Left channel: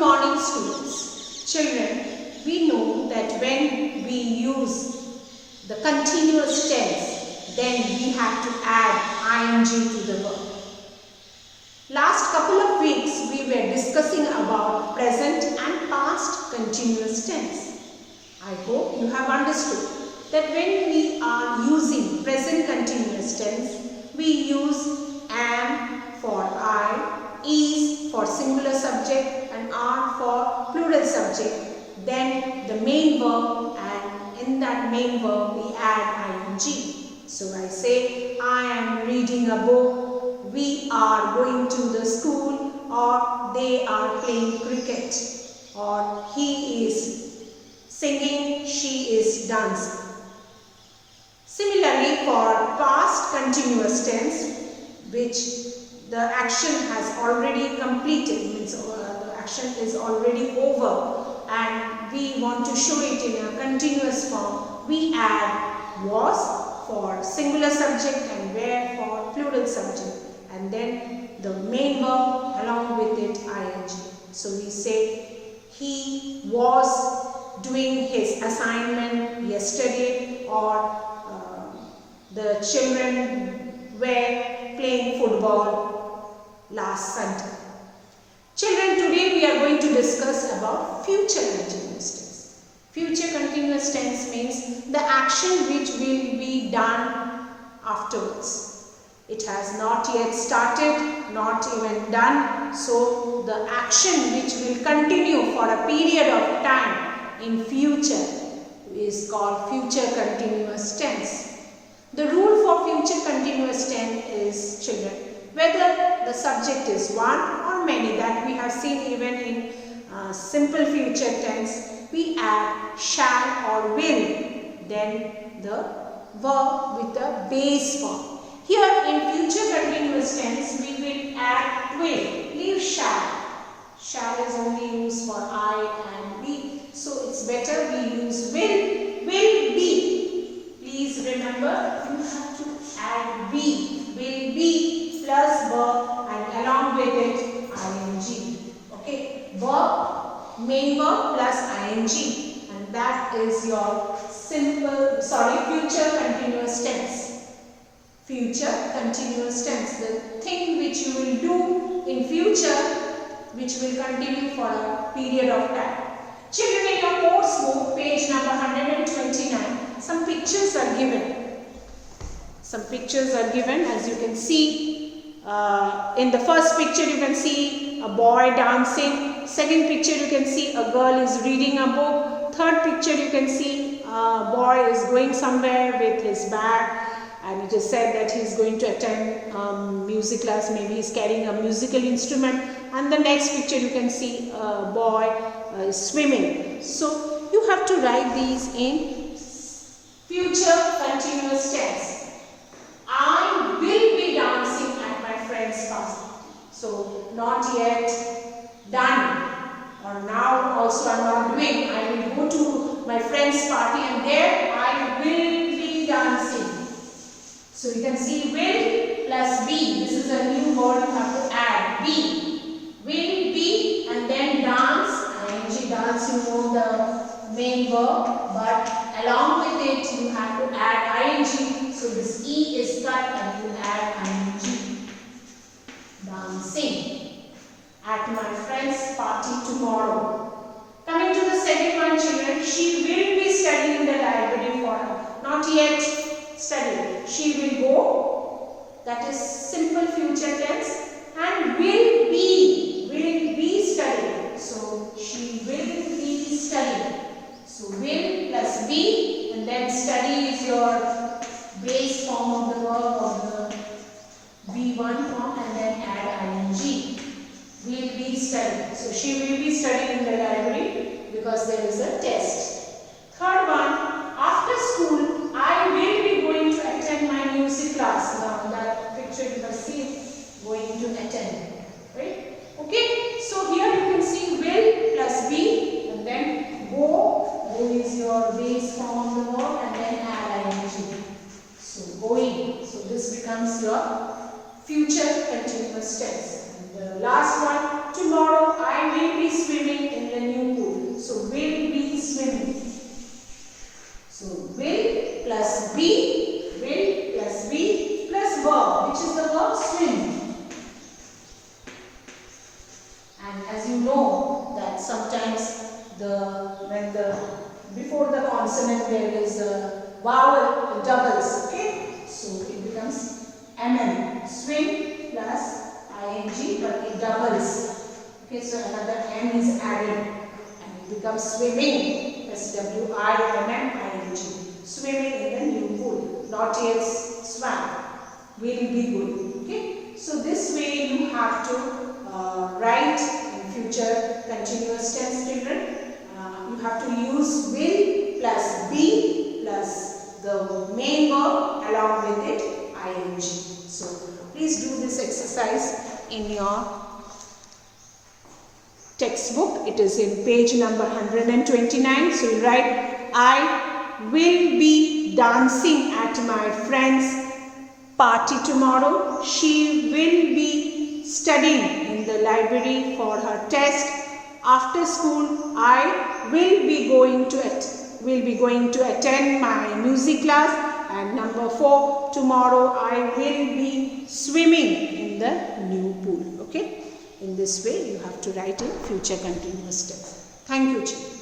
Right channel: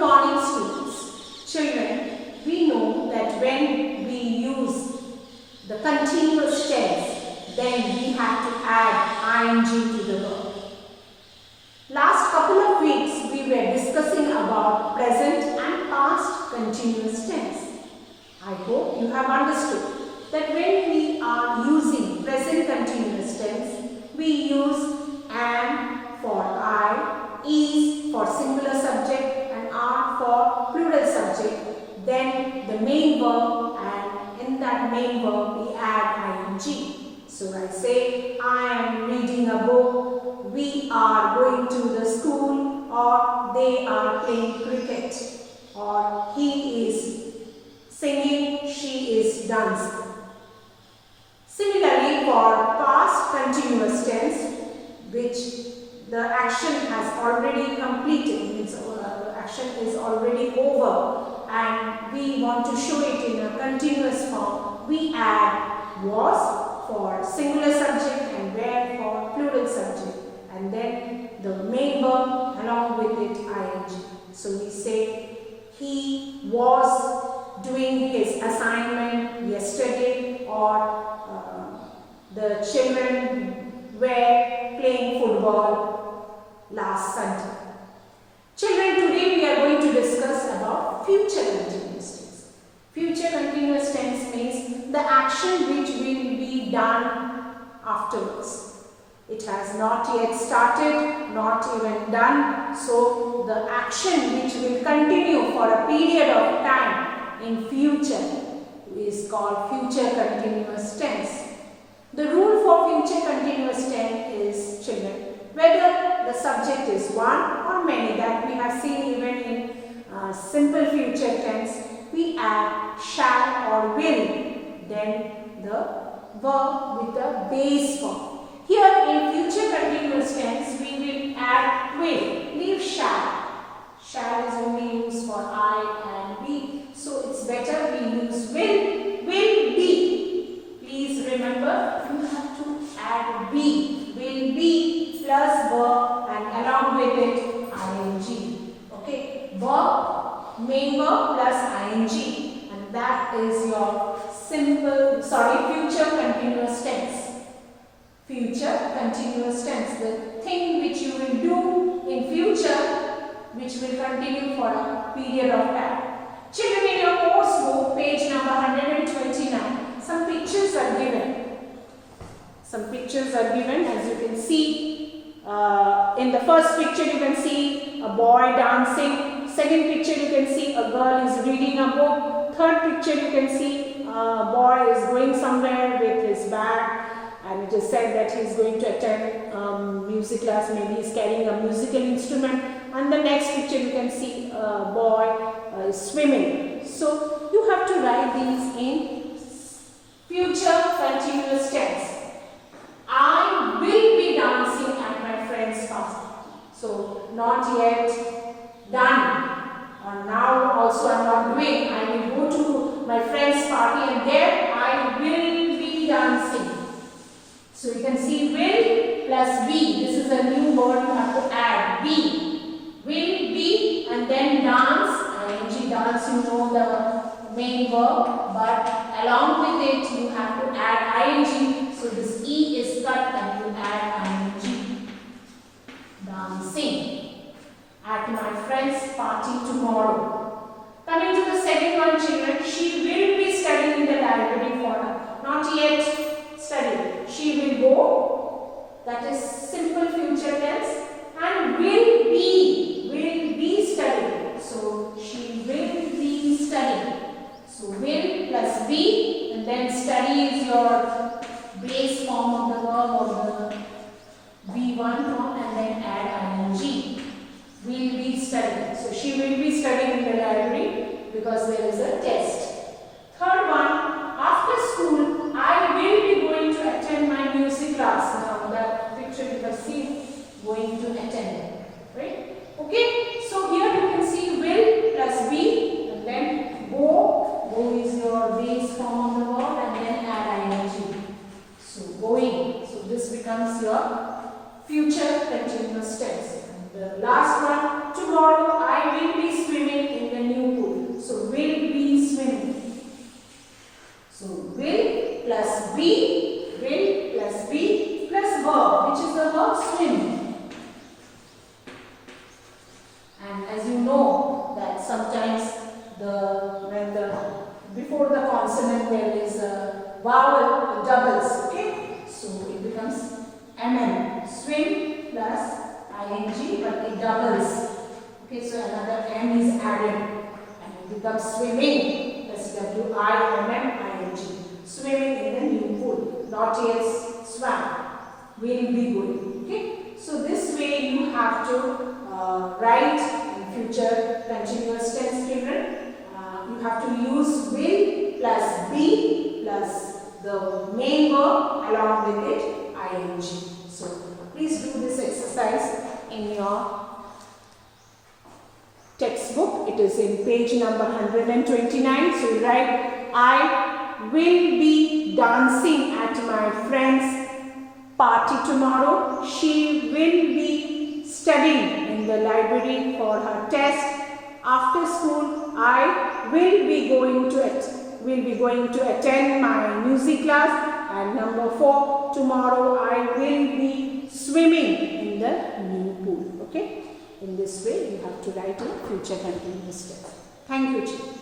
morning, students. Children, we know that when we use the continuous tense, then we have to add ing to the verb. Last couple of weeks, we were discussing about present and past continuous tense. I hope you have understood that when we are using present continuous tense, we use am for I, is for singular subject and are for plural subject. Then the main verb, and in that main verb we add ing. So I say, I am reading a book, we are going to the school, or they are playing cricket, or he is singing, she is dancing. Similarly, for past continuous tense, which the action has already completed, means the action is already over, and we want to show it in a continuous form, we add was for singular subject and were for plural subject, and then the main verb along with it ing. So we say, he was doing his assignment yesterday, or the children were playing football last Sunday. Children, today we are going to discuss about future continuous tense. Future continuous tense means the action which will be done afterwards. It has not yet started, not even done. So the action which will continue for a period of time in future is called future continuous tense. The rule for future continuous tense is, children, whether the subject is one or many, that we have seen even in simple future tense, we add shall or will, then the verb with the base form. Here in future continuous tense, we will add will, leave shall. Shall is only used for I and be, so it's better we use will be. Please remember, you have to add be, will be plus verb and along with it ing. Okay, verb, main verb plus ing, and that is your future continuous tense. Future continuous tense, the thing which you will do in future, which will continue for a period of time. Children, in your course book, page number 129, some pictures are given. Some pictures are given, as you can see. In the first picture, you can see a boy dancing. Second picture, you can see a girl is reading a book. Third picture, you can see a boy is going somewhere with his bag, and it is said that he is going to attend music class. Maybe he is carrying a musical instrument. And the next picture, you can see a boy swimming. So you have to write these in future continuous tense. I will be dancing at my friend's party. So not yet done, or now also I am not doing. I will go to my friend's party and there I will be dancing. So you can see will plus be. This is a new word you have to add. Be. Will be and then dance. ing, dance, you know the main verb, but along with it you have to add ing. So this e is cut and you add ing. Dancing at my friend's party tomorrow. Coming to the second one, children, she will be studying in the library for not yet studying. She will go, that is simple future tense, and will be studying. So she will be studying. So will plus be, and then study is your base form of the verb, or the V1 form, and then add ing. Will be studying. So she will be studying in the library because there is a test. Third one, after school, I will be going to attend my music class. Now that picture you have seen, going to attend. Right? Okay. So here you can see will plus be, and then go. Go is your base form of the verb, and then add ing. So going. So this becomes your future continuous tense. And the last one, tomorrow I will be swimming there is a vowel, it doubles. Okay, so it becomes mm, swim plus ing, but it doubles. Okay, so another m is added and it becomes swimming, swimming, swimming in the new pool. Not yet swam, will be good. Okay, so this way you have to write in future continuous tense, children. You have to use will plus be plus the main verb along with it ing. So please do this exercise in your textbook. It is in page number 129. So you write, I will be dancing at my friend's party tomorrow. She will be studying in the library for her test. After school, I will be going to attend my music class. And number 4, tomorrow I will be swimming in the new pool. Okay. In this way, you have to write in future continuous tense. Thank you, children.